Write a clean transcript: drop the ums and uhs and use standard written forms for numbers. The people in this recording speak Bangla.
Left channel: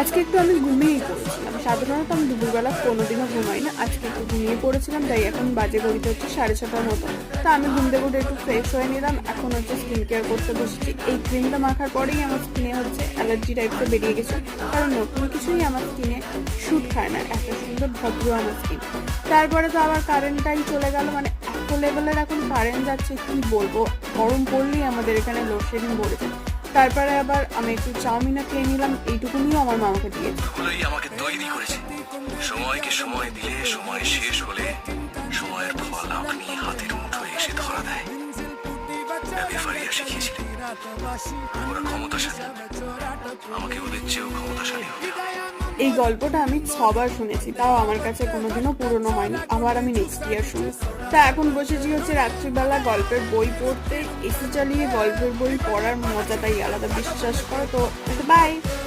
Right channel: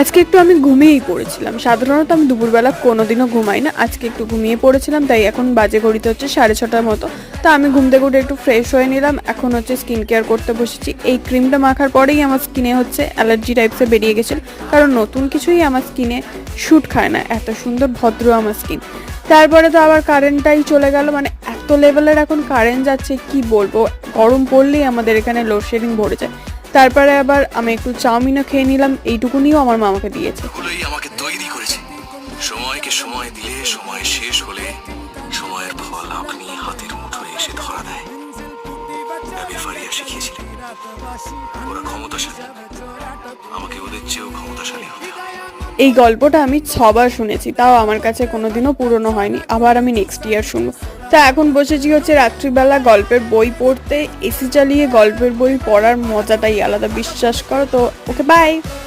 আজকে একটু আমি ঘুমিয়েই পড়েছিলাম। সাধারণত আমি দুপুরবেলা কোনোদিনও ঘুমাই না। আজকে একটু ঘুমিয়ে পড়েছিলাম, তাই এখন বাজে ঘড়িতে হচ্ছে 6:30টার মতো। তো আমি ঘুম থেকে উঠে একটু ফ্রেশ হয়ে নিলাম। এখন হচ্ছে স্কিন কেয়ার করতে বসেছি। এই ক্রিমটা মাখার পরেই আমার স্কিনে হচ্ছে অ্যালার্জি টাইপসের বেরিয়ে গেছে, কারণ নতুন কিছুই আমার স্কিনে শ্যুট খায় না। এত সুন্দর ভদ্র আমার স্কিন। তারপরে তো আবার কারেন্টটাই চলে গেল, মানে এত লেভেলের এখন কারেন্ট যাচ্ছে কি বলবো। গরম পড়লেই আমাদের এখানে লোডশেডিং ভরে যায়। তারপরে আবার আমি একটু চাউমিনও খেয়ে নিলাম, এইটুকুনিও আমার মামাকে দিয়েছে। এগুলোই আমাকে তৈরি করেছে। সময়কে সময় দিলে, সময় শেষ হলে সময়ের ফল আপনি হাতের মুঠোয় এসে ধরা দেয়। অ্যাবি ফারিয়া শিখিয়েছিলেন, ওরা ক্ষমতাশালী, আমাকে ওদের চেয়েও ক্ষমতাশালী হতে হবে। এই গল্পটা আমি 6বার শুনেছি, তাও আমার কাছে কোনোদিনও পুরনো হয়নি। আবার আমি নেক্সট ইয়ার শুনবো। তা এখন বসেছি হচ্ছে রাত্রিবেলা গল্পের বই পড়তে। এসি চালিয়ে গল্পের বই পড়ার মজাটাই আলাদা, বিশ্বাস করো। তো ওকে, বাই।